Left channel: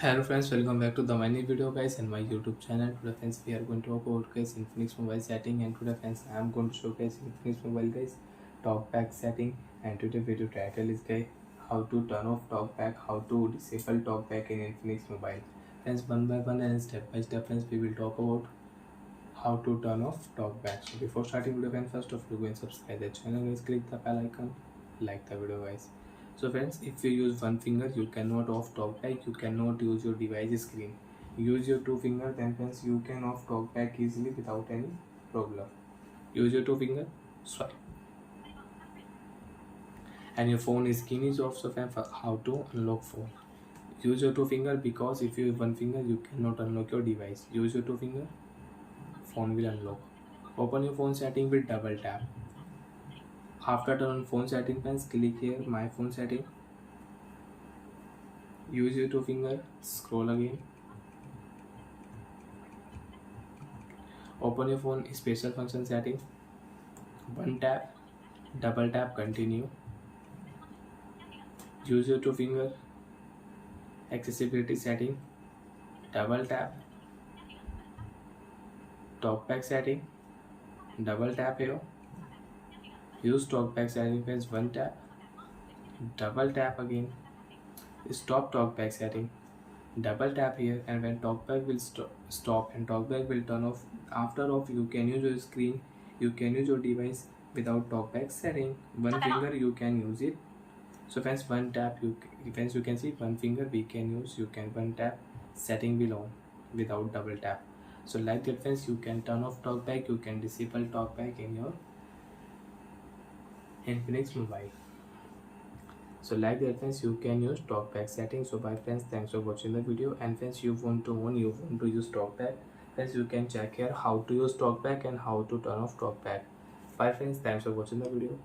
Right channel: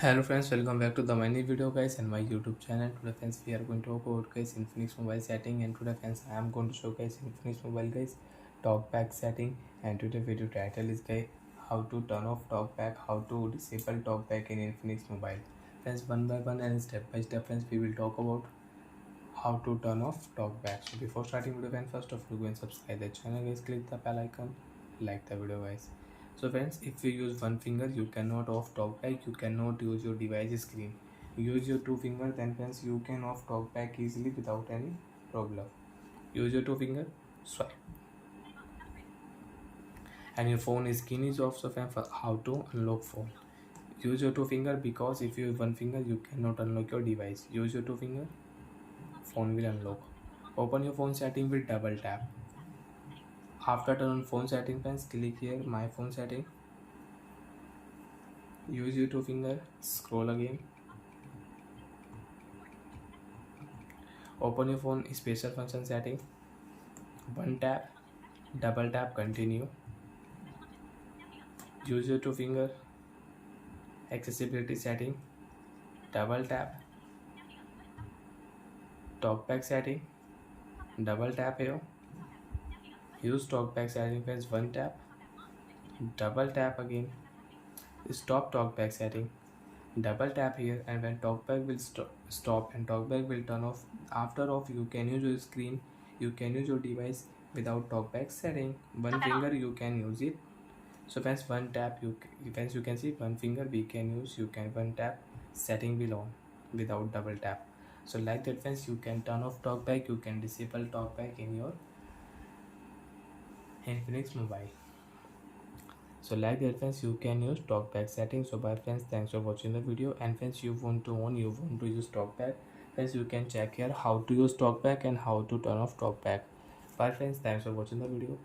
Hello friends, welcome back to the my new video guys and my YouTube channel. Today friends we are going to talk about guys Infinix mobile setting, and today friends I am going to show guys Infinix mobile guys TalkBack setting. And today video title is guys how to turn off TalkBack, how to disable TalkBack in Infinix mobile. Friends, one by one and step by step friends we will talk about how to turn off TalkBack. So before starting video friends, first of all go and subscribe the channel guys, click the bell icon, like the video guys. So friends, if you use one finger, you cannot off TalkBack. You cannot use your device screen. Use your two finger, then friends you can off TalkBack easily without any problem. Use your two finger, swipe, and your phone screen is off. So friends, how to unlock phone? Use your two finger, because if you use one finger, you cannot unlock your device. Use your two finger, phone will unlock. Open your phone setting with double tap. After turn on phone setting, friends, click here my phone setting. Use your two finger, scroll again. Open your phone special function setting. One tap, double tap, continue. Use your two finger, accessibility setting. Double tap, TalkBack setting. Double tap here. Use TalkBack setting friends. One tap, double tap again. Stop TalkBack setting. Double tap here, and when TalkBack will stop and TalkBack will turn off. After off, you can use your screen, you can use your device without TalkBack setting. One finger you can use it. So friends, one tap you can see one finger we can use. You can one tap, setting will on without double tap. So like that friends, you can turn off TalkBack, you can disable TalkBack in your Infinix mobile. So like that friends, you can use TalkBack settings. So bye friends, thanks for watching the video. And friends, you want to use TalkBack, friends you can check here how to use TalkBack and how to turn off TalkBack. Bye friends, thanks for watching the video.